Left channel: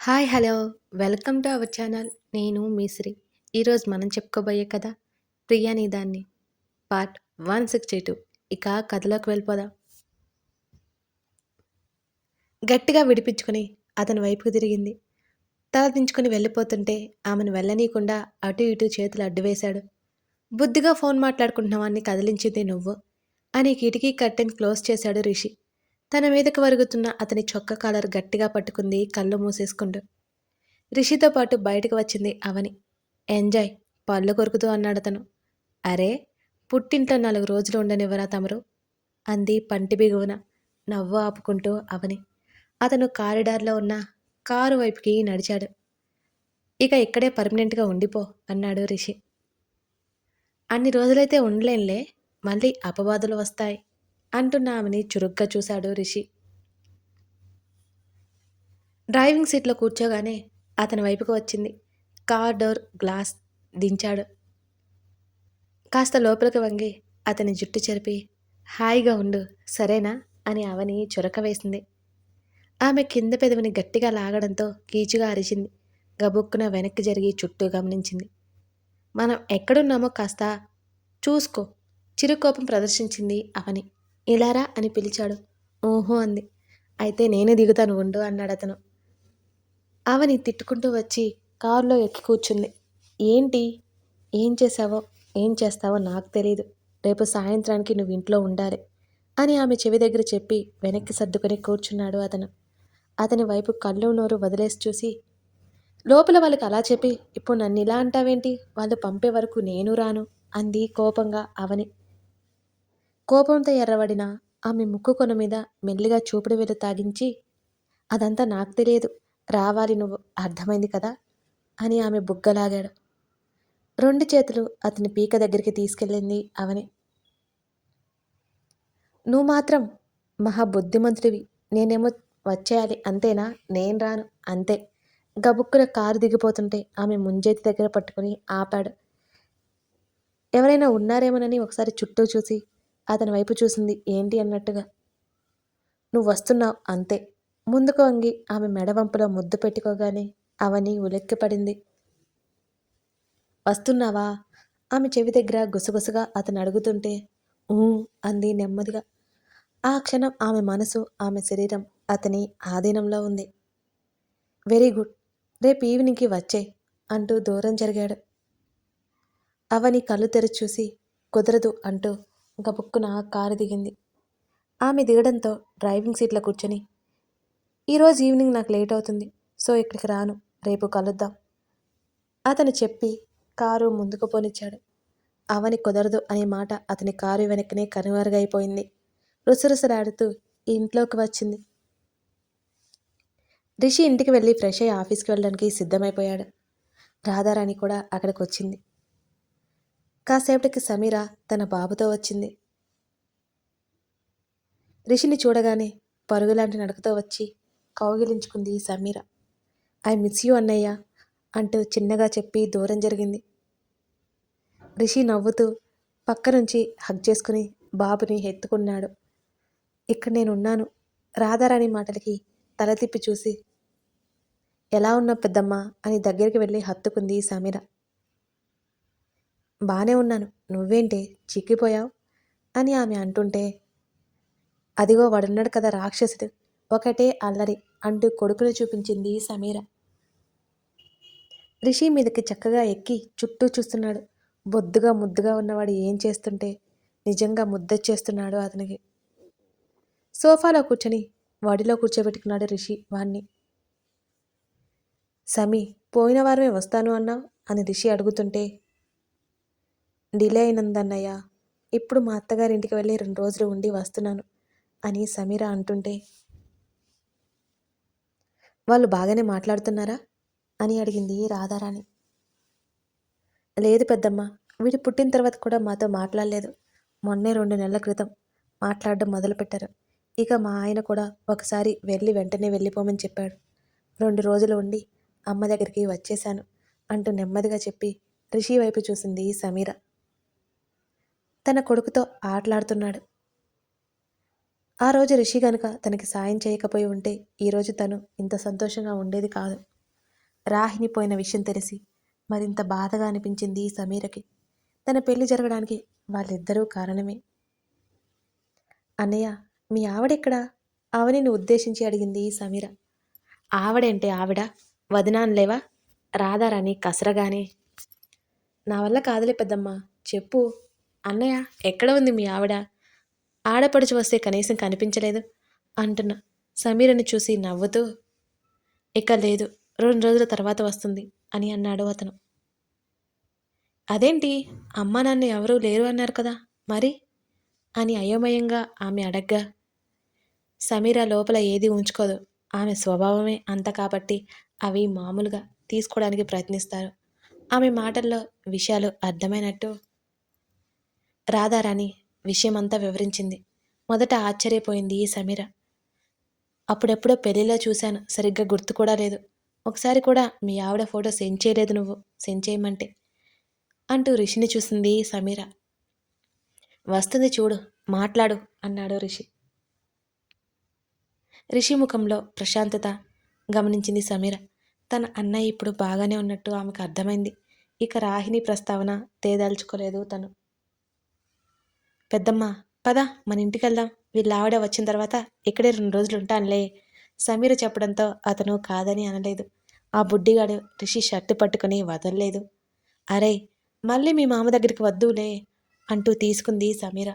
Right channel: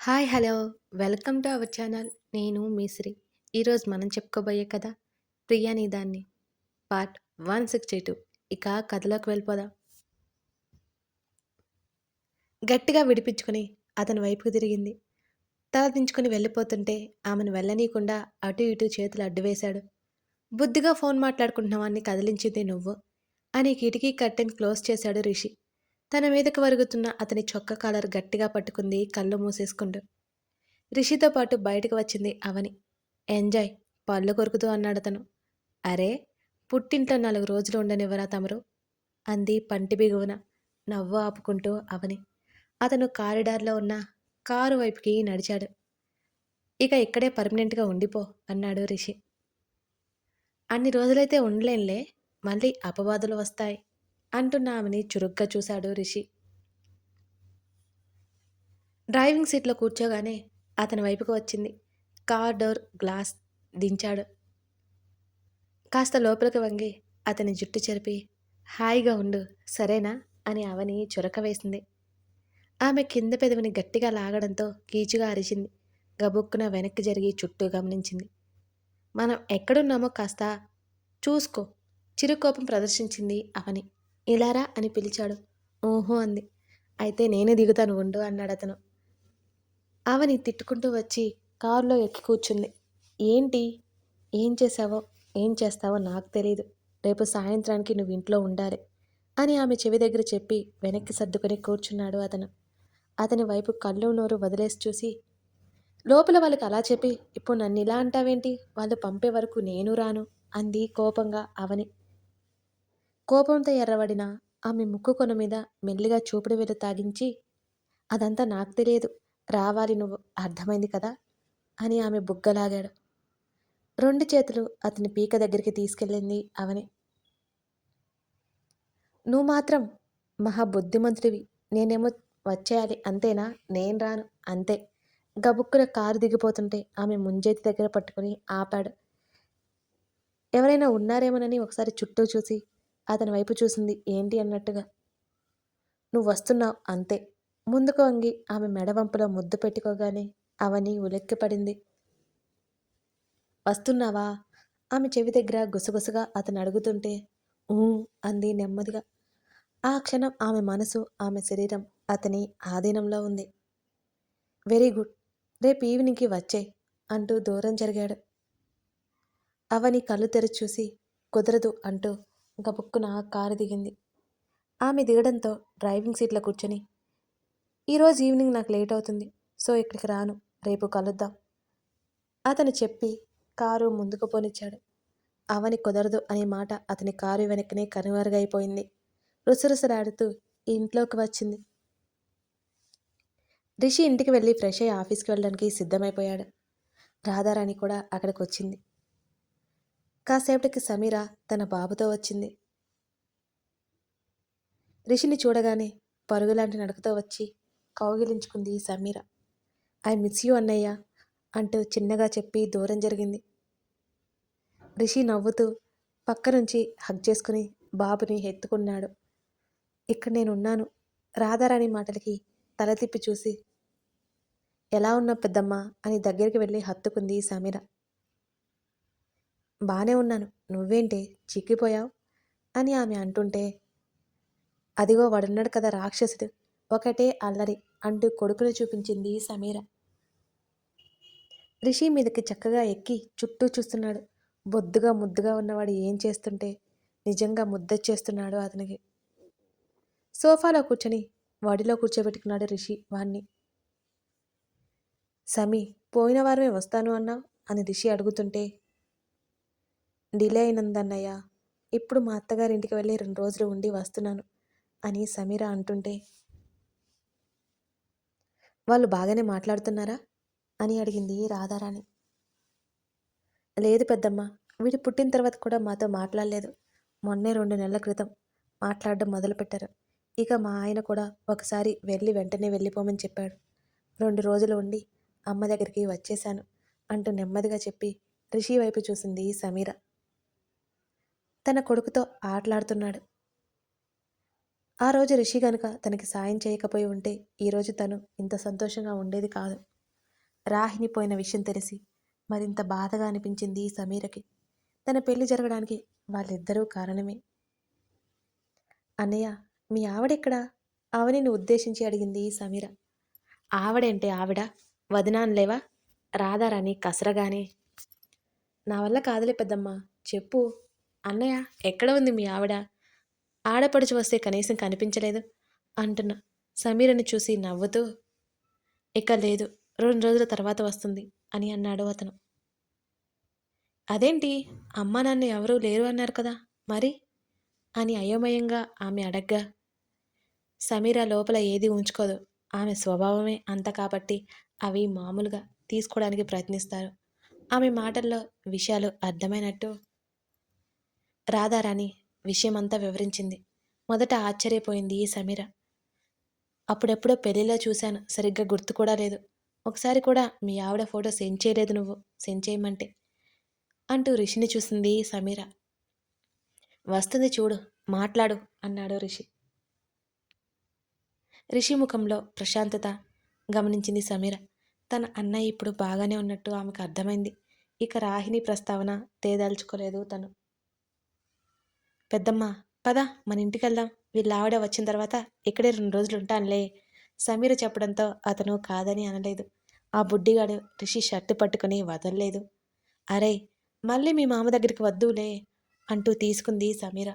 Hi hello. Welcome to our channel. నేను మీశ్రీ ఈరోజు మనం చెప్పుకోబోయే కథ ప్రియాని దాన్ని. Part one sixty two. ఇక కథలోకి వెళ్ళిపోదాం. గట్టిగా విడిపించుకుని అతని వైపుకు తిరిగింది. తల దించుకొని వెళ్ళిపోతుంటే ఆమెను వెళ్ళనీయకుండా అటు ఇటు చేతులు అడ్డువేశాడు బుద్ధిగా ఫోన్ మాట్లాడుకుంటున్నావాన్ని కదిలించింది నువ్వు అని కిటికీ కర్టెన్ క్లోజ్ చేశాడు రిషి. తన మీదకు వరుగుతున్న అతని చొక్క కాలర్ గట్టిగా పట్టుకుంది కళ్ళు మూసేసుకుంటూ. రిషితో పాటు బయటకు వచ్చింది అవని. ఎంజాయ్ పళ్ళు కొరుకుతూ అన్నాడు అతను. అరే పుట్టింట్లో నాలుగు రోజులు ఉండనివ్వరా తమరు? అంది పంటి బిగువున నవ్వు ఆపుకుంటూ అవని. అతను కారిడార్లో ఉన్న కారు వైపుకి నడిచాడు. ఇక ఇక్కడే పర్మనెంట్గా ఉండిపో అన్నాడు రిషి. అన్ని రోజులైతే ఉండలేంలే మళ్ళీ అపవాదులు వస్తాయి. అంటున్న ఆమెని చురుగ్గా చూశాడు రిషి. డ్రైవింగ్ సీట్లో కూర్చోగానే అతని వైపుకు వచ్చింది. కార్ డోర్ గ్లాస్ దించాడు. కాస్త లోపలికి వంగి అతని జుట్టు చెరిపి హాయిగా ఉండు సరేనా? అని అవని చురక వేసింది. ఆమె కింద పెదవిని గట్టిగా లాగడంతో కీచుగా అరిచింది. గబుక్కున వెనక్కి జరిగి చుట్టూ గమనించింది. మనం ఎక్కడున్నామో కాస్త చూసుకో చిరుకోపం ప్రదర్శించింది అవని. ఇలారా అని పిలిచాడు. ఓహో అంది. అయితే నేనే దిగుతాను ఉండు అన్నాడు అతను. అవని తిట్టుకుంటూ వచ్చి కారులో ఎక్కి కూర్చుంది. ఏంటి? ఏం చేశావో? ఏం చేస్తావో నాకు తెలియదు రేపు సాయంత్రానికి నువ్వు ఇంట్లో ఉండాలి అని ఆమె చెవి దగ్గర చెప్పి వెనక్కి సర్దుకొని కూర్చున్నాడు అతను. అతని వైపు కళ్ళు నోరు వదిలేసి చూసి లోపల వాళ్ళకి అలా చెప్పి ఇప్పుడు నన్ను ఇలా అంటావేంటి? వాళ్ళు పంపే వరకు నేను రాను అంది కోపంగా అవని. కోపంతో ఎర్రబడిన ఆమె ముక్కు కొన మీద మెల్లిగా చూపుడు వేలు తాగించి అదంతా నాకు తెలియదు. రావాలి నువ్వు. అర్థమైంది కదా? అని ఆమె బుగ్గలాగాడు. రెండు చేతులు అతని పీక దగ్గరికి తీసుకెళ్ళింది అవని. నువ్వు మాత్రం మహా బుద్ధిమంతుడివి. నేనేమో వచ్చేయాలి. అంతేనా? నేను రాను. అంతే. గబుక్కున కారు దిగిపోతుంటే ఆమె ముంజేతి దగ్గర పట్టుకుని ఆపాడు. ఎవరైనా ఉన్నారేమోనని ఒకసారి చుట్టూ చూసి అతని వైపు చూసింది. ఏంటి అన్నట్టుగా? నువ్వు వస్తున్నావు. అంతే. ముందుకు వంగి ఆమె మెడవంపులో ముద్దు పెట్టుకోగానే అవని ఉలెక్కిపడింది వస్తున్నావా? ఆమె చెవి దగ్గర గుసగుసగా అతను అడుగుతుంటే ఊ అంది నెమ్మదిగా. ఆ క్షణం ఆమె మనసు ఆమె శరీరం అతని ఆధీనంలో ఉంది. Very good. రేపు ఈవినింగ్కి వచ్చే అంటూ దూరం జరిగాడు. అవని కళ్ళు తెరిచి చూసి కుదరదు అంటూ గబుక్కున కారు దిగింది. ఆమె దిగడంతో డ్రైవింగ్ సీట్లో కూర్చొని ఈరోజు ఈవినింగ్ నాకు లేట్ అవుతుంది సో ఇక్కడికి రాను రేపు కలుద్దాం. అతను చెప్పి కారు ముందుకు పోనిచ్చాడు. అవని కుదరదు అనే మాట అతని కారు వెనకనే కనుమరుగైపోయింది. రుసరుసలాడుతూ ఇంట్లోకి వచ్చింది. రిషి ఇంటికి వెళ్ళి ఫ్రెష్ అయ్యి ఆఫీస్కి వెళ్ళడానికి సిద్ధమైపోయాడు. రాధారాణి కూడా అక్కడికి వచ్చింది కాసేపటికి సమీర తన బాబుతో వచ్చింది. రిషిని చూడగానే పరుగులాంటి నడకతో వచ్చి కౌగిలించుకుంది సమీర. ఐ మిస్ యూ అన్నయ్య అంటూ చిన్నగా చెప్పి దూరం జరిగింది. రిషి నవ్వుతూ పక్క నుంచి హగ్ చేసుకుని బాబుని ఎత్తుకున్నాడు ఇక్కడ నేనున్నాను రాధారాణి మాటలకి తల తిప్పి చూసి ఎలా ఉన్నా పెద్దమ్మ అని దగ్గరికి వెళ్ళి హత్తుకుంది సమీర. బానే ఉన్నాను. నువ్వేంటి? చిక్కిపోయావు? అని ఆమె అంటుంటే అదిగో వాడున్నాడు కదా రాక్షసుడు. ఒకటే అల్లరి అంటూ కొడుకును చూపించింది సమీర. రిషి మీదకి చక్కగా ఎక్కి చుట్టూ చూస్తున్నాడు. బొద్దుగా ముద్దుగా ఉన్నవాడు ఏం చేస్తుంటే నిజంగా ముద్ద చేస్తున్నాడు అతనికి. సోఫాలో కూర్చొని వాడిలో కూర్చోబెట్టుకున్నాడు రిషి వాణ్ణి. సమీ పోయిన వారమే వస్తాను అన్నావు? అని రిషి అడుగుతుంటే డిలే అయినందన్నయ్య ఇప్పుడు మా అత్తగారింటికి వెళ్ళి రెండు రోజులు ఉండి వస్తున్నాను అని సమీర అంటుంటే వాళ్ళు బాగానే మాట్లాడుతున్నారా? అని అడిగింది రాధారాణి. లేదు పెద్దమ్మ వీడు పుట్టిన తర్వాత కూడా మాతో మాట్లాడలేదు. మొన్నే రెండు నెలల క్రితం మాట్లాడడం మొదలుపెట్టారు. ఇక మా ఆయన కూడా ఒకసారి వెళ్ళి వెంటనే వెళ్ళిపోమని చెప్పాడు. రెండు రోజులు ఉండి అమ్మ దగ్గరికి వచ్చేశాను అంటూ నెమ్మదిగా చెప్పి రిషి వైపు చూసింది సమీర. తన కొడుకుతో ఆటలాడుతున్నాడు. ఆ రోజు రిషి గనుక తనకి సాయం చేయకపోయి ఉంటే ఈరోజు తను ఇంత సంతోషంగా ఉండేది కాదు. రాహిని పోయిన విషయం తెలిసి మరింత బాధగా అనిపించింది ఈ సమీరకి. తన పెళ్ళి జరగడానికి వాళ్ళిద్దరూ కారణమే. అన్నయ్య మీ ఆవిడెక్కడా? ఆవిడని ఉద్దేశించి అడిగింది ఈ సమీర. ఆవిడంటే ఆవిడ? వదినాన్లేవా రాధారాణి కసరగానే. నా వల్ల కాదులే పెద్దమ్మ. చెప్పు. అన్నయ్య ఎక్కడ ఉంది మీ ఆవిడ? ఆడపడుచు వస్తే కనీసం కనిపించలేదు అంటున్న. సమీరని చూసి నవ్వుతూ ఇక లేదు రెండు రోజుల తర్వాత వస్తుంది అని అన్నాడు అతను. అదేంటి? అమ్మా నాన్న ఎవరూ లేరు అన్నారు కదా మరి? అని అయోమయంగా ఆమె అడగ్గా సమీర లోపల ఏది ఉంచుకోదు. ఆమె స్వభావమే అంత కాబట్టి అవి మామూలుగా తీసుకోవడానికి ప్రయత్నిస్తారు. ఆమె మాటల్లో విషయాలు అర్థమైనట్టు రాధారాణి విషయమంతా వివరించింది. మొదట ఆశ్చర్యపోయింది ఈ సమీర. అప్పుడెప్పుడో పెళ్ళిలో చూశాను. సరిగ్గా గుర్తు కూడా లేదు. ఒకసారి కూడా మీ ఆవిడ ఫోటో సెండ్ చేయలేదు నువ్వు. సెండ్ చేయమంటే. అంటూ రిషిని చూసింది సమీర. వస్తుంది చూడు మాట్లాడు అన్నాడు రిషి. రిషి ముఖంలో ప్రశాంతత గమనించింది సమీర. తన అన్నయ్య ఇప్పుడు బాగానే ఉన్నట్టు ఆమెకు అర్థమైంది. ఇక రాహిణి ప్రస్తావన తేదాల్చుకోలేదు తను. పెద్దమ్మ పద మన ఇంటికి వెళ్దాం వీళ్ళ ఆవిడ వచ్చిన తర్వాత ఇక్కడే రెండు రోజులు ఉంటానులే సమీర చెప్పడంతో అతను కాదని అనలేదు. ఆ బుడ్డిగాడు రిషి షర్టు పట్టుకుని వదలలేదు. అరే మళ్ళీ మీ మామ దగ్గరికి వద్దులే అంటూ తీసుకుంది సమీర.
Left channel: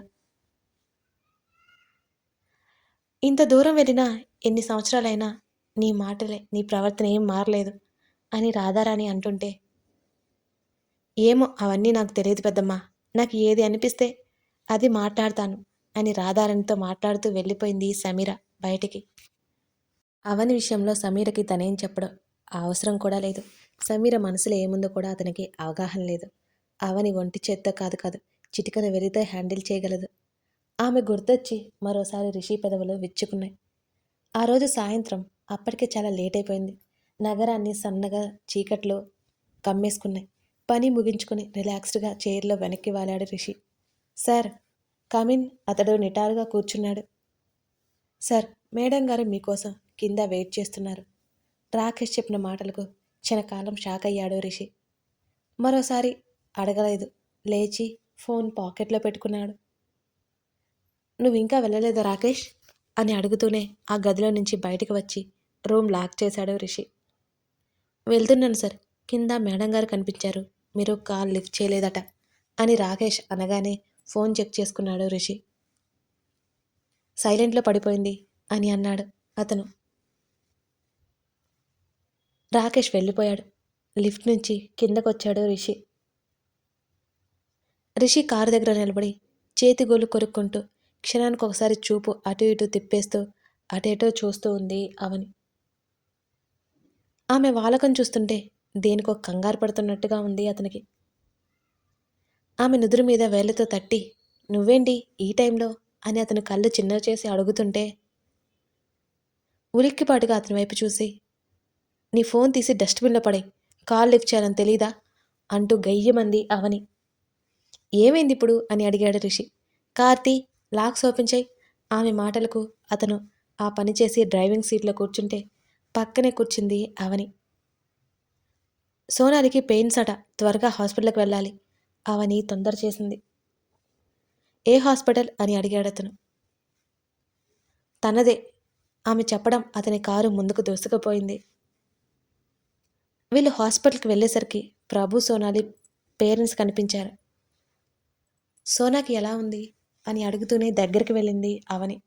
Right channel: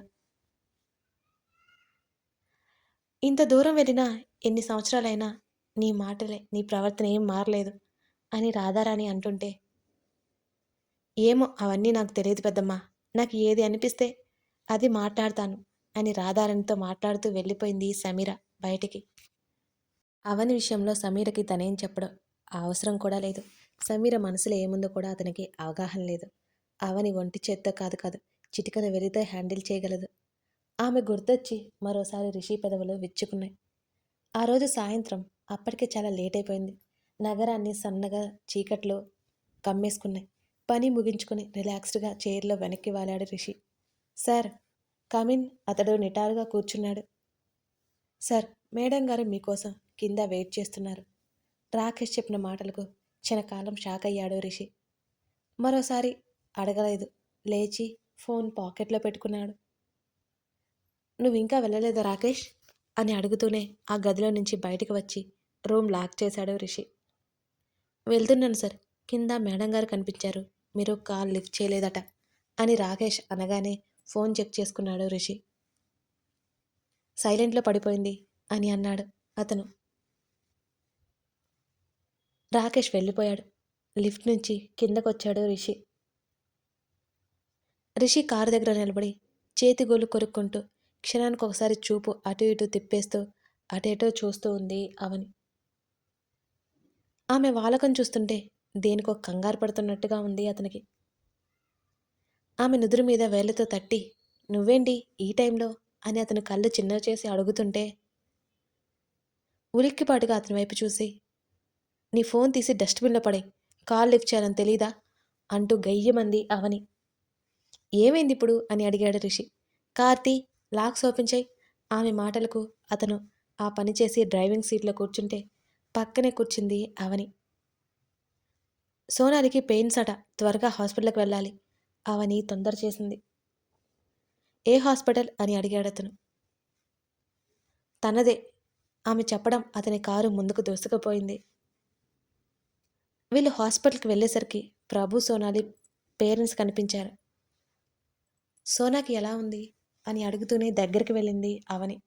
ఇంత దూరం వెళ్ళినా ఎన్ని సంవత్సరాలైనా నీ మాటలే నీ ప్రవర్తన ఏం మారలేదు అని రాధారాణి అంటుంటే ఏమో అవన్నీ నాకు తెలియదు పెద్దమ్మా. నాకు ఏది అనిపిస్తే అది మాట్లాడతాను అని రాధారణితో మాట్లాడుతూ వెళ్ళిపోయింది సమీర బయటికి. అవని విషయంలో సమీరకి తనేం చెప్పడం అవసరం కూడా లేదు. సమీర మనసులో ఏముందో కూడా అతనికి అవగాహన లేదు. అవని ఒంటి చేత్తో కాదు కాదు చిటికన వెళితే హ్యాండిల్ చేయగలదు. ఆమె గుర్తొచ్చి మరోసారి రిషి పెదవులు విచ్చుకున్నాయి. ఆ రోజు సాయంత్రం అప్పటికే చాలా లేట్ అయిపోయింది. నగరాన్ని సన్నగా చీకట్లో కమ్మేసుకున్నాయి. పని ముగించుకుని రిలాక్స్డ్గా చైర్లో వెనక్కి వాలాడు రిషి. సార్ కమిన్ అతడు నిటారుగా కూర్చున్నాడు. సార్ మేడం గారు మీకోసం కింద వెయిట్ చేస్తున్నారు. రాకేష్ చెప్పిన మాటలకు క్షణకాలం షాక్ అయ్యాడు రిషి. మరోసారి అడగలేదు లేచి ఫోన్ పాకెట్లో పెట్టుకున్నాడు. నువ్వు ఇంకా వెళ్ళలేదు రాకేష్? అని అడుగుతూనే ఆ గదిలో నుంచి బయటకు వచ్చి రూమ్ లాక్ చేశాడు రిషి. వెళ్తున్నాను సార్ కింద మేడం గారు కనిపించారు. మీరు కాల్ లిఫ్ట్ చేయలేదట అని రాకేష్ అనగానే ఫోన్ చెక్ చేసుకున్నాడు రిషి. సైలెంట్లో పడిపోయింది అని అన్నాడు అతను. రాకేష్ వెళ్ళిపోయాడు. లిఫ్ట్ నుంచి కిందకొచ్చాడు రిషి. రిషి కారు దగ్గర నిలబడి చేతి గోలు కొరుక్కుంటూ క్షణానికి ఒకసారి చూపు అటు ఇటు తిప్పేస్తూ అటేటో చూస్తూ ఉంది అవని. ఆమె వాలకం చూస్తుంటే దేనికో కంగారు పడుతున్నట్టుగా ఉంది అతనికి. ఆమె నుదురు మీద వేళ్ళతో తట్టి నువ్వేంటి ఈ టైంలో? అని అతను కళ్ళు చిన్న చేసి అడుగుతుంటే ఉలిక్కిపాటుగా అతని వైపు చూసి నీ ఫోన్ తీసి డస్ట్బిన్లో పడే కాల్ లిఫ్ట్ చేయాలని తెలీదా? అంటూ గయ్యమంది అవని. ఏమైంది ఇప్పుడు? అని అడిగాడు రిషి. కార్తీ లాక్స్ ఓపెన్ చేయి. ఆమె మాటలకు అతను ఆ పని చేసి డ్రైవింగ్ సీట్లో కూర్చుంటే పక్కనే కూర్చుంది అవని. సోనాలికి పెయిన్స్ అట త్వరగా హాస్పిటల్కి వెళ్ళాలి. అవని తొందర చేసింది. ఏ హాస్పిటల్? అని అడిగాడు అతను. తనదే. ఆమె చెప్పడం అతని కారు ముందుకు దూసుకుపోయింది. వీళ్ళు హాస్పిటల్కి వెళ్ళేసరికి ప్రభు సోనాలి పేరెంట్స్ కనిపించారు. సోనాకి ఎలా ఉంది? అని అడుగుతూనే దగ్గరికి వెళ్ళింది అవని.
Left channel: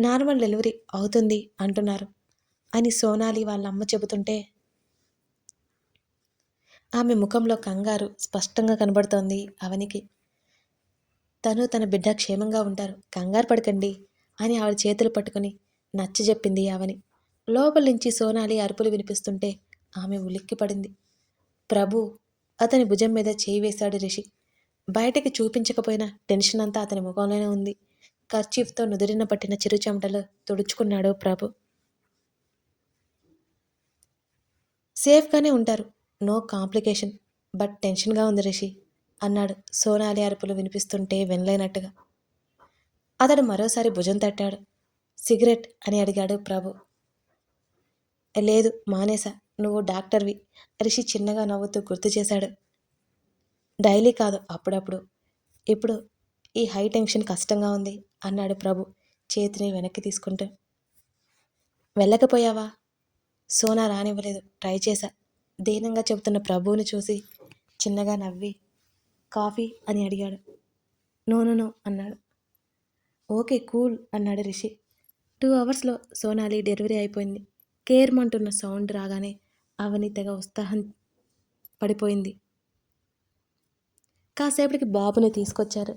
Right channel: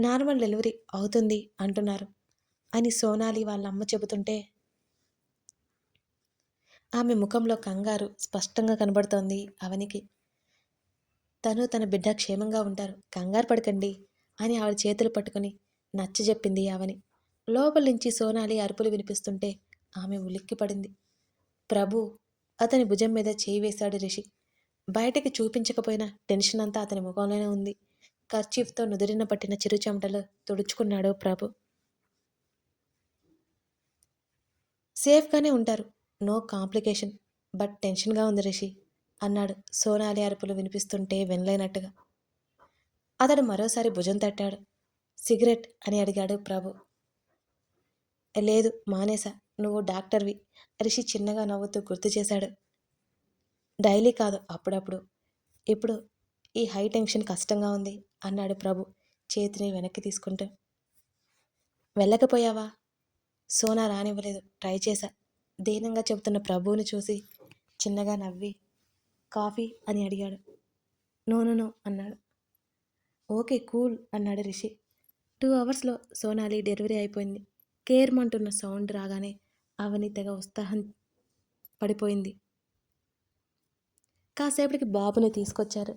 నార్మల్ డెలివరీ అవుతుంది అంటున్నారు అని సోనాలి వాళ్ళ అమ్మ చెబుతుంటే ఆమె ముఖంలో కంగారు స్పష్టంగా కనబడుతోంది అవనికి. తను తన బిడ్డ క్షేమంగా ఉంటారు. కంగారు పడకండి అని ఆవిడ చేతులు పట్టుకుని నచ్చ చెప్పింది అవని. లోపల నుంచి సోనాలి అరుపులు వినిపిస్తుంటే ఆమె ఉలిక్కిపడింది ప్రభు అతని భుజం మీద చేయి వేశాడు రిషి. బయటకి చూపించకపోయినా టెన్షన్ అంతా అతని ముఖంలోనే ఉంది. కర్చీఫ్తో నుదిరిన పట్టిన చిరు చెమటలు తుడుచుకున్నాడు ప్రభు. సేఫ్గానే ఉంటారు. నో కాంప్లికేషన్ బట్ టెన్షన్గా ఉంది రిషి అన్నాడు సోనాలి అరుపులు వినిపిస్తుంటే వినలేనట్టుగా. అతడు మరోసారి భుజం తట్టాడు. సిగరెట్ అని అడిగాడు ప్రభు. లేదు మానేసా నువ్వు డాక్టర్వి రిషి చిన్నగా నవ్వుతూ గుర్తు చేశాడు. డైలీ కాదు అప్పుడప్పుడు. ఇప్పుడు ఈ హై టెన్షన్ కష్టంగా ఉంది అన్నాడు ప్రభు చేతిని వెనక్కి తీసుకుంటూ. వెళ్ళకపోయావా? సోనా రానివ్వలేదు ట్రై చేశా. దీనంగా చెబుతున్న ప్రభువుని చూసి చిన్నగా నవ్వి కాఫీ అని అడిగాడు. నో నో అన్నాడు. ఓకే కూల్ అన్నాడు రిషి. టూ అవర్స్లో సోనాలి డెలివరీ అయిపోయింది. కేర్మంటున్న సౌండ్ రాగానే అవని తెగ ఉత్సాహం పడిపోయింది. కాసేపటికి బాబుని తీసుకొచ్చారు.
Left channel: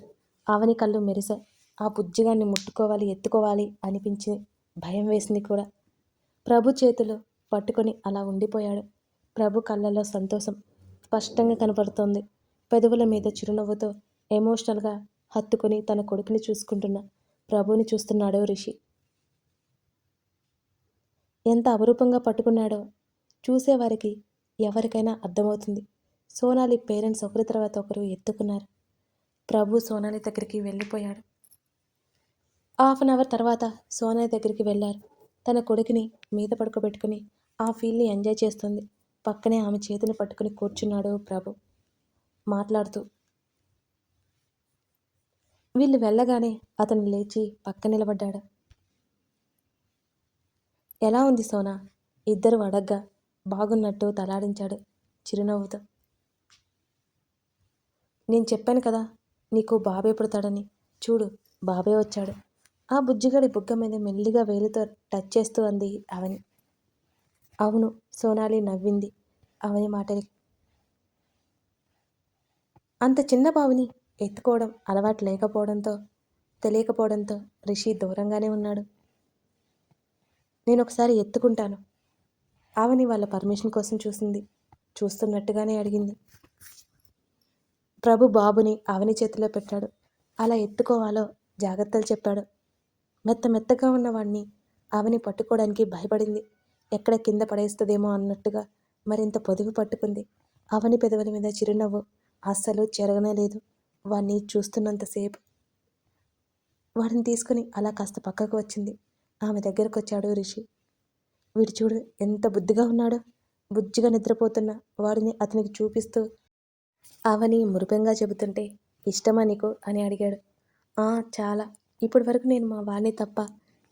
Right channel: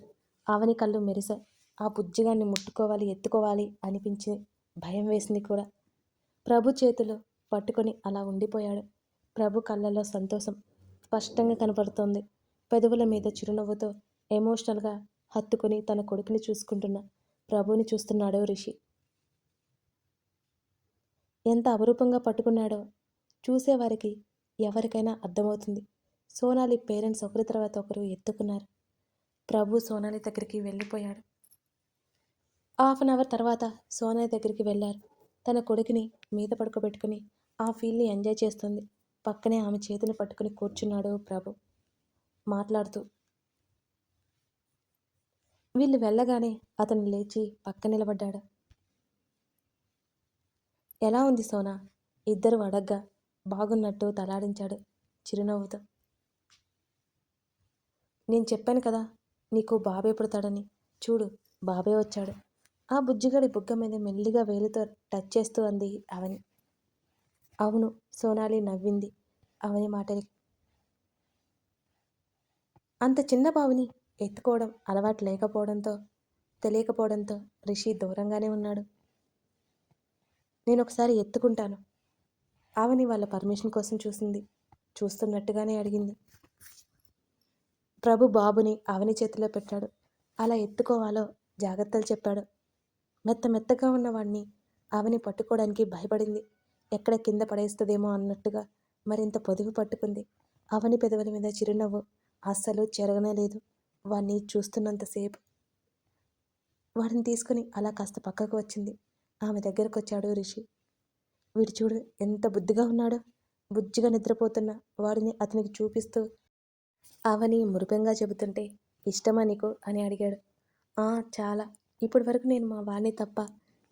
అవని కళ్ళు మెరిశాయి ఆ బుజ్జిగాన్ని ముట్టుకోవాలి ఎత్తుకోవాలి అనిపించి భయం వేసింది కూడా. ప్రభు చేతులు పట్టుకొని అలా ఉండిపోయాడు. ప్రభు కళ్ళల్లో సంతోషం స్పష్టంగా కనపడుతోంది. పెదవుల మీద చిరునవ్వుతో ఎమోషనల్గా హత్తుకుని తన కొడుకుని చూసుకుంటున్న ప్రభుని చూస్తున్నాడో రిషి. ఎంత అపురూపంగా పట్టుకున్నాడో చూసేవారికి ఎవరికైనా అర్థమవుతుంది. సోనాలి పేరెంట్స్ ఒకరి తర్వాత ఒకరు ఎత్తుకున్నారు. ప్రభు సోనాలి దగ్గరికి వెళ్ళిపోయాడు. హాఫ్ అన్ అవర్ తర్వాత సోనాలి దగ్గరికి వెళ్ళారు. తన కొడుకుని మీద పడుకోబెట్టుకుని ఆ ఫీల్ని ఎంజాయ్ చేస్తుంది. పక్కనే ఆమె చేతిని పట్టుకుని కూర్చున్నాడు ప్రభు. మాట్లాడుతూ వీళ్ళు వెళ్ళగానే అతను లేచి పక్క నిలబడ్డాడు. ఎలా ఉంది సోనా? ఇద్దరు అడగ్గా బాగున్నట్టు తలాడించాడు చిరునవ్వుతో. నేను చెప్పాను కదా నీకు బాబే పుడతాడని. చూడు బాబే వచ్చాడు. ఆ బుజ్జిగాడి బుగ్గ మీద మెల్లిగా వేలుతో టచ్ చేస్తూ అంది అవని. అవును సోనాలి నవ్వింది. అవని మాటలకి. అంత చిన్న బావిని ఎత్తుకోవడం అలవాటు లేకపోవడంతో తెలియకపోవడంతో రిషి దూరంగానే ఉన్నాడు. నేను ఒకసారి ఎత్తుకుంటాను. ఆవని వాళ్ళ పర్మిషన్ కోసం చూసింది. చూస్తున్నట్టుగానే అడిగింది. ప్రభు బాబుని ఆవని చేతిలో పెట్టాడు. అలా ఎత్తుకోవాలో జాగ్రత్తలు చెప్పాడు. మెత్త మెత్తగా ఉన్నవాడిని ఆవని పట్టుకోవడానికి భయపడింది. ఎక్కడ కింద పడేస్తుందేమో అన్నట్టుగా మరింత పొదుగు పట్టుకుంది. అవని పెదవుల మీద చిరునవ్వు అస్సలు చెరగనే లేదు. వాడిని చూస్తున్నంతసేపు వాడిని తీసుకుని అలా కాస్త పక్కకు వచ్చింది. ఆమె దగ్గరకు వచ్చాడు రిషి. వీడు చూడు ఎంత బుద్ధిగా ఉన్నాడో. బుజ్జిగా నిద్రపోతున్న వాడిని అతనికి చూపిస్తూ అవని మురిపెంగా చెబుతుంటే ఇష్టమా నీకు? అని అడిగాడు. చాలా. ఇప్పటి వరకు నేను మా వాడిని తప్ప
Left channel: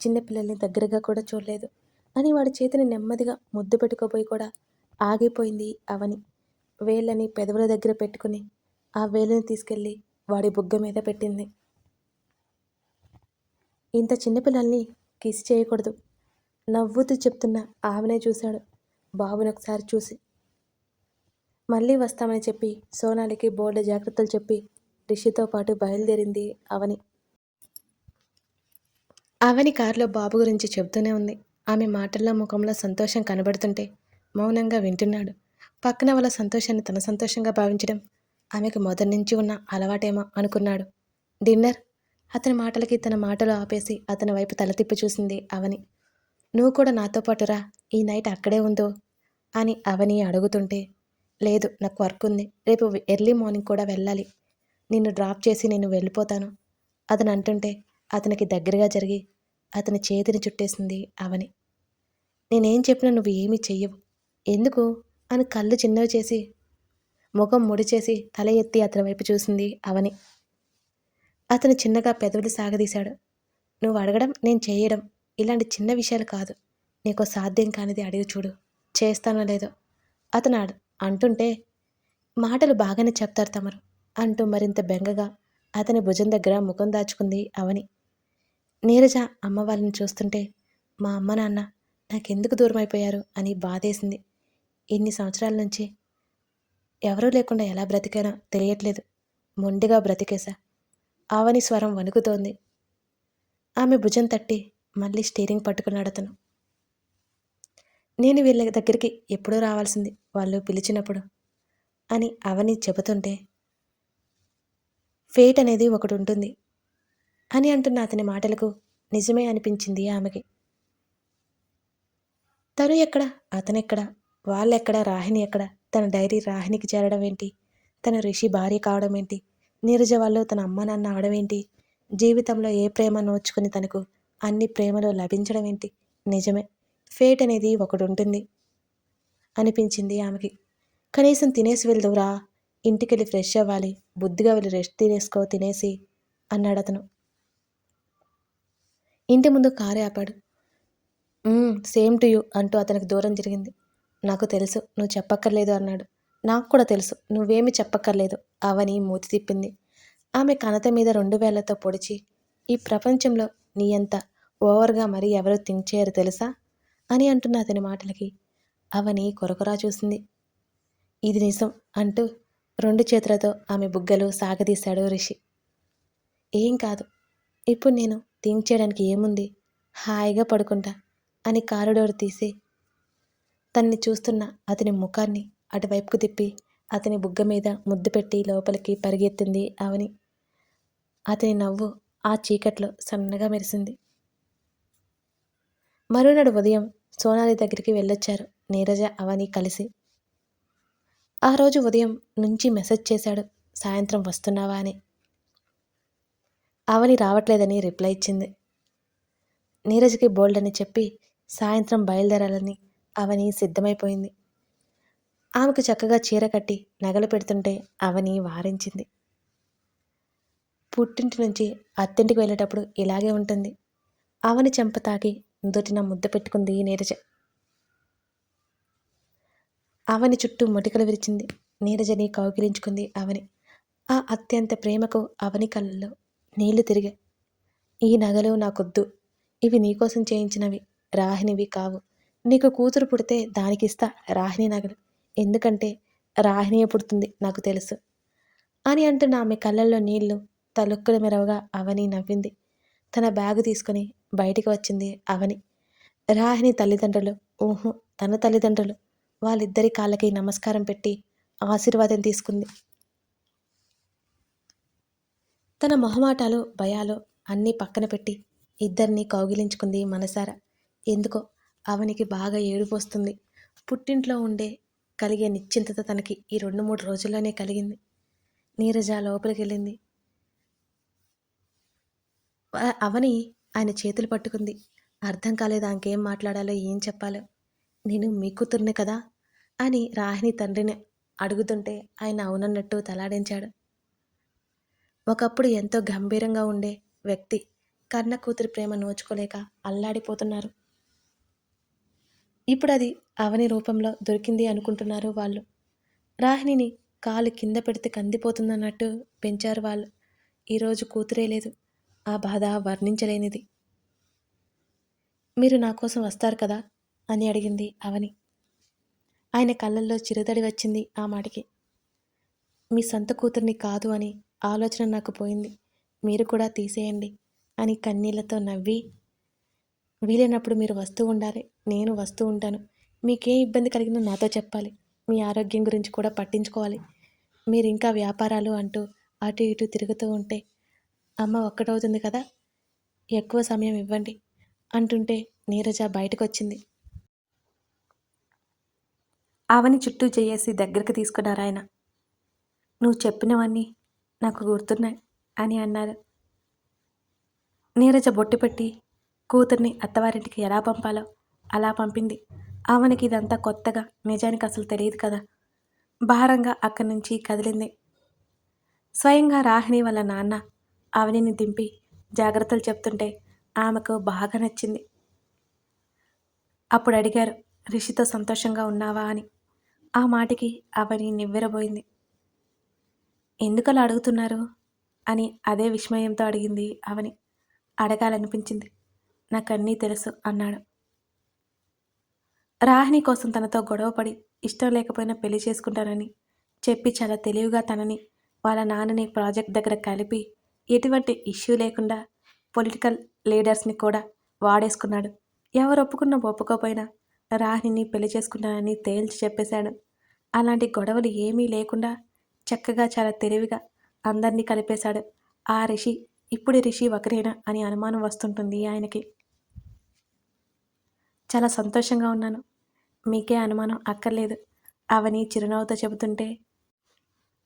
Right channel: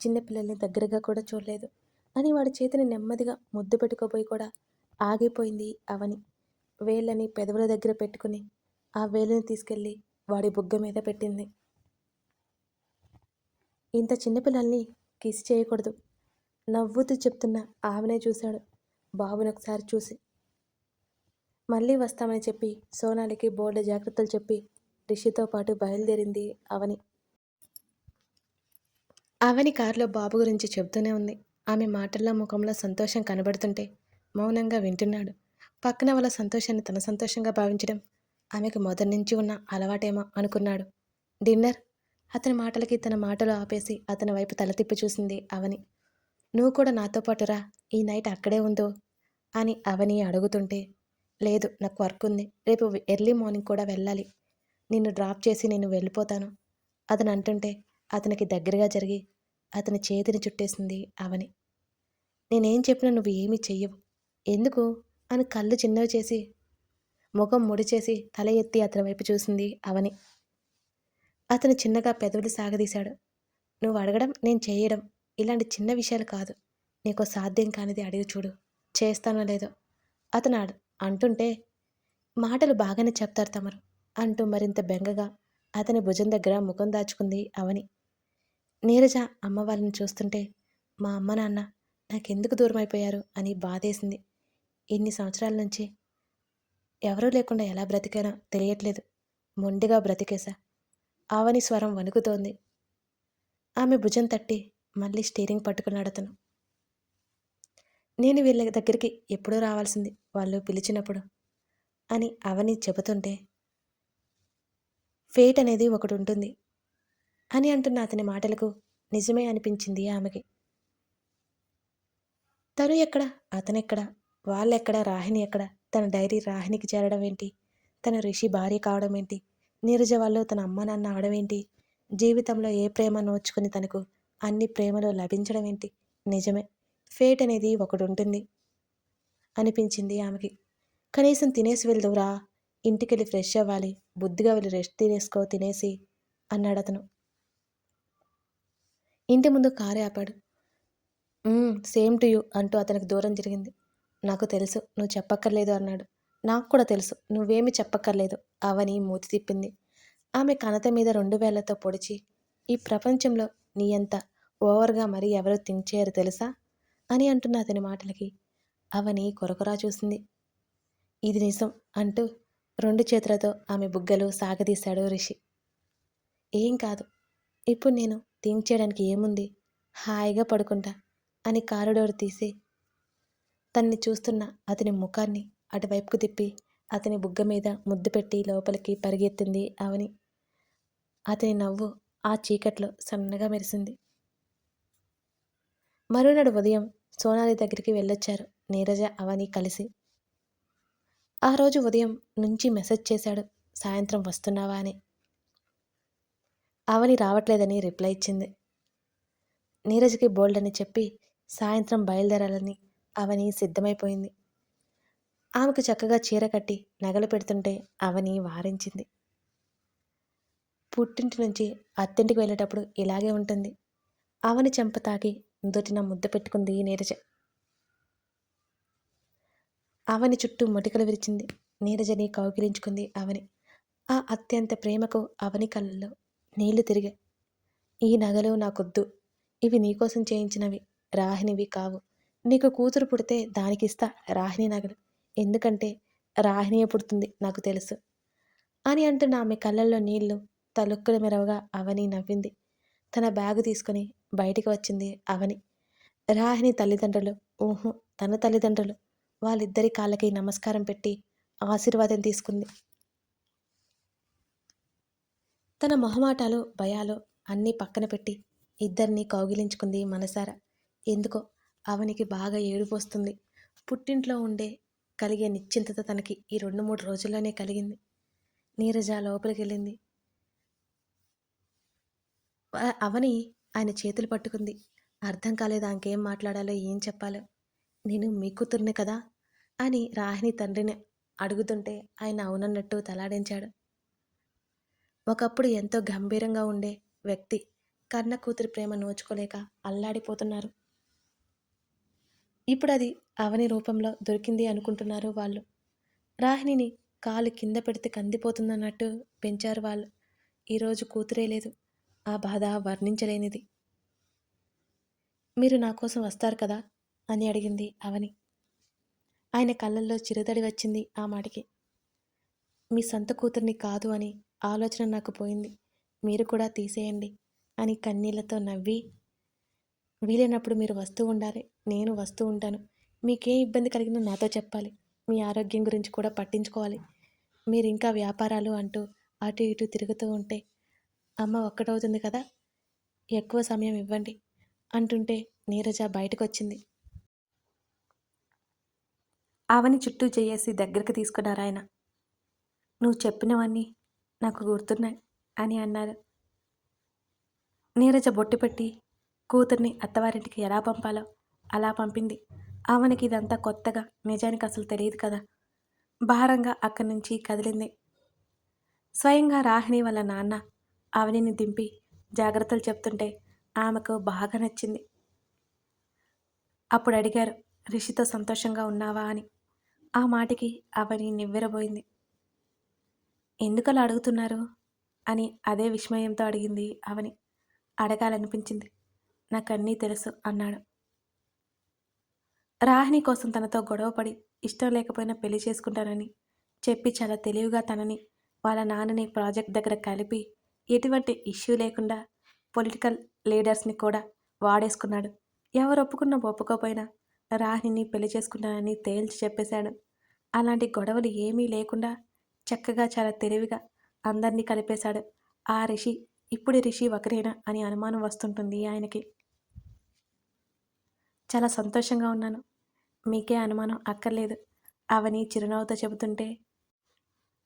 చిన్నపిల్లల్ని దగ్గరగా కూడా చూడలేదు. అని వాడి చేతిని నెమ్మదిగా ముద్దు పెట్టుకోపోయి కూడా ఆగిపోయింది అవని. వేళ్ళని పెదవుల దగ్గర పెట్టుకుని ఆ వేళ్ళని తీసుకెళ్ళి వాడి బుగ్గ మీద పెట్టింది. ఇంత చిన్నపిల్లల్ని కిస్ చేయకూడదు. నవ్వుతూ చెప్తున్న ఆమెనే చూశాడు బాబుని ఒకసారి చూసి. మళ్ళీ వస్తామని చెప్పి సోనాలికి బోర్డు జాగ్రత్తలు చెప్పి రిషితో పాటు బయలుదేరింది అవని. అవని కారులో బాబు గురించి చెబుతూనే ఉంది. ఆమె మాటల్లో ముఖంలో సంతోషం కనబడుతుంటే మౌనంగా వింటున్నాడు. పక్కన వాళ్ళ సంతోషాన్ని తన సంతోషంగా భావించడం ఆమెకు మొదటి నుంచి ఉన్న అలవాటేమో అనుకున్నాడు. డిన్నర్? అతని మాటలకి తన మాటలు ఆపేసి అతని వైపు తల తిప్పి చూసింది అవని. నువ్వు కూడా నాతో పాటురా ఈ నైట్ అక్కడే ఉందో? అని అవని అడుగుతుంటే లేదు నాకు వర్క్ ఉంది. రేపు ఎర్లీ మార్నింగ్ కూడా వెళ్ళాలి. నిన్ను డ్రాప్ చేసి నేను వెళ్ళిపోతాను. అతను అంటుంటే అతనికి దగ్గరగా జరిగి అతని చేతిని చుట్టేసింది అవని. నేనేం చెప్పినా నువ్వు ఏమీ చెయ్యవు. ఎందుకు? అని కళ్ళు చిన్నవి చేసి ముఖం ముడిచేసి తల ఎత్తి అతని వైపు చూసింది అవని. అతను చిన్నగా పెదవులు సాగదీశాడు. నువ్వు అడగడం నేను చేయడం ఇలాంటి చిన్న విషయాలు కాదు. నీకు సాధ్యం కానిది అడిగి చూడు. చేస్తానో లేదో? అతను అడు అంటుంటే మాటలు బాగానే చెప్తారు తమరు అంటూ మరింత బెంగగా అతని భుజం దగ్గర ముఖం దాచుకుంది అవని. నీరజ అమ్మ వాళ్ళని చూస్తుంటే మా అమ్మ నాన్న నాకెందుకు దూరం అయిపోయారు అని బాధేసింది. ఇన్ని సంవత్సరాల నుంచి ఎవరూ లేకుండా ఎలా బ్రతికానో తెలియట్లేదు. మొండిగా బ్రతికేశా. ఆవని స్వరం వణుకుతోంది. ఆమె భుజం తట్టి మళ్ళీ స్టీరింగ్ పట్టుకున్నాడు అతను నేను వీళ్ళ దగ్గరికి ఎప్పుడూ రావాల్సింది వాళ్ళు పిలిచినప్పుడు అని అవని చెబుతుంటే ఫేట్ అనేది ఒకటి ఉంటుంది అని అంటున్న అతని మాటలకు నిజమే అనిపించింది ఆమెకి. తను ఎక్కడ? అతనెక్కడ? వాళ్ళెక్కడ? రాహిణి ఎక్కడ? తన డైరీ రాహిణికి చేరడం ఏంటి? తన రిషి భార్య కావడం ఏంటి? నీరజ వాళ్ళు తన అమ్మ నాన్న అవడం ఏంటి? జీవితంలో ఏ ప్రేమ నోచుకుని తనకు అన్ని ప్రేమలు లభించడం ఏంటి? నిజమే. ఫేట్ అనేది ఒకటి ఉంటుంది అనిపించింది ఆమెకి. కనీసం తినేసి వెళ్దువురా. ఇంటికెళ్ళి ఫ్రెష్ అవ్వాలి. బుద్ధిగా వెళ్ళి రెస్ట్ తీసుకో తినేసి అన్నాడు అతను ఇంటి ముందు కారు ఆపాడు. సేమ్ టు యూ అంటూ అతనికి దూరం జరిగింది. నాకు తెలుసు నువ్వు చెప్పక్కర్లేదు అన్నాడు. నాకు కూడా తెలుసు నువ్వేమి చెప్పక్కర్లేదు అవని మూతి తిప్పింది. ఆమె కనత మీద రెండు వేళ్ళతో పొడిచి ఈ ప్రపంచంలో నీ అంత ఓవర్గా మరీ ఎవరు థింక్ చేయరు తెలుసా? అని అంటున్న అతని మాటలకి అవని కొరకొరా చూసింది. ఇది నిజం అంటూ రెండు చేతులతో ఆమె బుగ్గలు సాగదీశాడు రిషి. ఏం కాదు ఇప్పుడు నేను థింక్ చేయడానికి ఏముంది? హాయిగా పడుకుంటా. అని కారిడోర్ తీసి తన్ని చూస్తున్న అతని ముఖాన్ని అటువైపుకు తిప్పి అతని బుగ్గ మీద ముద్దు పెట్టి లోపలికి పరిగెత్తింది అవని అతని నవ్వు ఆ చీకట్లో సన్నగా మెరిసింది. మరునాడు ఉదయం సోనాలి దగ్గరికి వెళ్ళొచ్చారు నీరజ అవని కలిసి. ఆ రోజు ఉదయం నుంచి మెసేజ్ చేశాడు సాయంత్రం వస్తున్నావా? అని. అవని రావట్లేదని రిప్లై ఇచ్చింది. నీరజ్కి బోల్డ్ అని చెప్పి సాయంత్రం బయలుదేరాలని అవని సిద్ధమైపోయింది. ఆమెకు చక్కగా చీర కట్టి నగలు పెడుతుంటే అవని వారించింది. పుట్టింటి నుంచి అత్తింటికి వెళ్ళేటప్పుడు ఇలాగే ఉంటుంది. అవని చెంప తాకి దొటిన ముద్ద పెట్టుకుంది నీరజ. అవని చుట్టూ మొటికలు విరిచింది. నీరజని కౌగిలించుకుంది అవని. ఆ అత్యంత ప్రేమకు అవని కళ్ళల్లో నీళ్ళు తిరిగాయి. ఈ నగలు నాకొద్దు. ఇవి నీకోసం చేయించినవి. రాహినివి కావు. నీకు కూతురు పుడితే దానికిస్తా రాహిణి నగలు ఎందుకంటే రాహిణియే పుడుతుంది నాకు తెలుసు. అని అంటున్న ఆమె కళ్ళల్లో నీళ్ళు తలుక్కుల మెరవగా అవని నవ్వింది. తన బ్యాగు తీసుకుని బయటికి వచ్చింది అవని. రాహిణి తల్లిదండ్రులు ఊహు తన తల్లిదండ్రులు వాళ్ళిద్దరి కాళ్ళకి నమస్కారం పెట్టి ఆశీర్వాదం తీసుకుంది. తన మొహమాటాలు భయాలు అన్నీ పక్కన పెట్టి ఇద్దరిని కౌగిలించుకుంది మనసారా. ఎందుకో అవనికి బాగా ఏడుపు వస్తుంది. పుట్టింట్లో ఉండే కలిగే నిశ్చింతత తనకి ఈ రెండు మూడు రోజుల్లోనే కలిగింది. నీరజ లోపలికి వెళ్ళింది అవని ఆయన చేతులు పట్టుకుంది. అర్థం కాలేదు ఆమెకేం మాట్లాడాలో ఏం చెప్పాలో. నేను మీ కూతుర్నే కదా అని రాహిణి తండ్రిని అడుగుతుంటే ఆయన అవునన్నట్టు తలాడించాడు. ఒకప్పుడు ఎంతో గంభీరంగా ఉండే వ్యక్తి కన్న కూతురి ప్రేమ నోచుకోలేక అల్లాడిపోతున్నారు. ఇప్పుడు అది అవని రూపంలో దొరికింది అనుకుంటున్నారు వాళ్ళు. రాహిణిని కాలు కింద పెడితే కందిపోతుందన్నట్టు పెంచారు వాళ్ళు. ఈరోజు కూతురే లేదు. ఆ బాధ వర్ణించలేనిది. మీరు నా కోసం వస్తారు కదా? అని అడిగింది అవని. ఆయన కళ్ళల్లో చిరుదడి వచ్చింది ఆ మాటకి. మీ సొంత కూతుర్ని కాదు అని ఆలోచన నాకు పోయింది. మీరు కూడా తీసేయండి అని కన్నీళ్ళతో నవ్వి వీలైనప్పుడు మీరు వస్తూ ఉండాలి. నేను వస్తూ ఉంటాను. మీకే ఇబ్బంది కలిగినా నాతో చెప్పాలి. మీ ఆరోగ్యం గురించి కూడా పట్టించుకోవాలి. మీరు ఇంకా వ్యాపారాలు అంటూ అటు ఇటు తిరుగుతూ ఉంటే అమ్మ ఒక్కటవుతుంది కదా ఎక్కువ సమయం ఇవ్వండి అంటుంటే నీరజ బయటకు వచ్చింది ఆవని చుట్టూ చేయేసి దగ్గరికి తీసుకున్నారు ఆయన. నువ్వు చెప్పినవన్నీ నాకు గుర్తున్నాయి అని అన్నారు. నీరజ బొట్టు పెట్టి కూతుర్ని అత్తవారింటికి ఎలా పంపాలో అలా పంపింది. అవనికి ఇదంతా కొత్తగా నిజానికి అసలు తెలియదు కదా. భారంగా అక్కడి నుంచి కదిలింది. స్వయంగా రాహిణి వాళ్ళ నాన్న అవనిని దింపి జాగ్రత్తలు చెప్తుంటే ఆమెకు బాగా నచ్చింది. అప్పుడు అడిగారు రిషితో సంతోషంగా ఉన్నావా? అని. ఆ మాటకి అవని నివ్వెరబోయింది. ఎందుకలా అడుగుతున్నారు? అని అదే విస్మయంతో అడిగింది అవని అడగాలనిపించింది. నాకన్నీ తెలుసు అన్నాడు. రాహిణి కోసం తనతో గొడవపడి ఇష్టం లేకపోయినా పెళ్ళి చేసుకుంటానని చెప్పి చాలా తెలివిగా తనని వాళ్ళ నాన్నని ప్రాజెక్ట్ దగ్గర కలిపి ఎటువంటి ఇష్యూ లేకుండా పొలిటికల్ లీడర్స్ని కూడా వాడేసుకున్నాడు. ఎవరు ఒప్పుకున్నా ఒప్పుకోపోయినా రాహిణిని పెళ్ళి చేసుకుంటానని తేల్చి చెప్పేశాడు. అలాంటి గొడవలు ఏమీ లేకుండా చక్కగా చాలా తెలివిగా అందరినీ కలిపేశాడు. ఆ రిషి ఇప్పుడు రిషి ఒకరేనా? అని అనుమానం వస్తుంటుంది ఆయనకి. చాలా సంతోషంగా ఉన్నాను. మీకే అనుమానం అక్కర్లేదు. అవని చిరునవ్వుతో చెబుతుంటే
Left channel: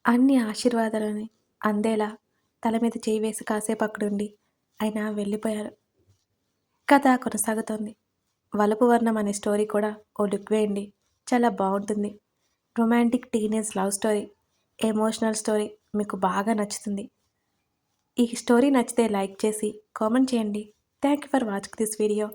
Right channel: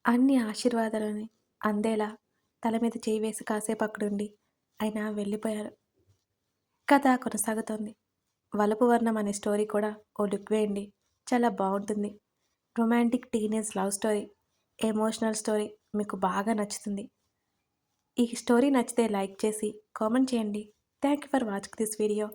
అన్ని ఆశీర్వాదాలని అందేలా తల మీద చేయి వేసి కాసేపు అక్కడుండి. ఆయన వెళ్ళిపోయారు. కథ కొనసాగుతోంది. వలపు వర్ణం అనే స్టోరీ కూడా ఓ లుక్ వేయండి. చాలా బాగుంటుంది. Romantic teenage love story emotional story మీకు బాగా నచ్చుతుంది. ఈ స్టోరీ నచ్చితే లైక్ చేసి కామెంట్ చేయండి. Thank you for watching this video.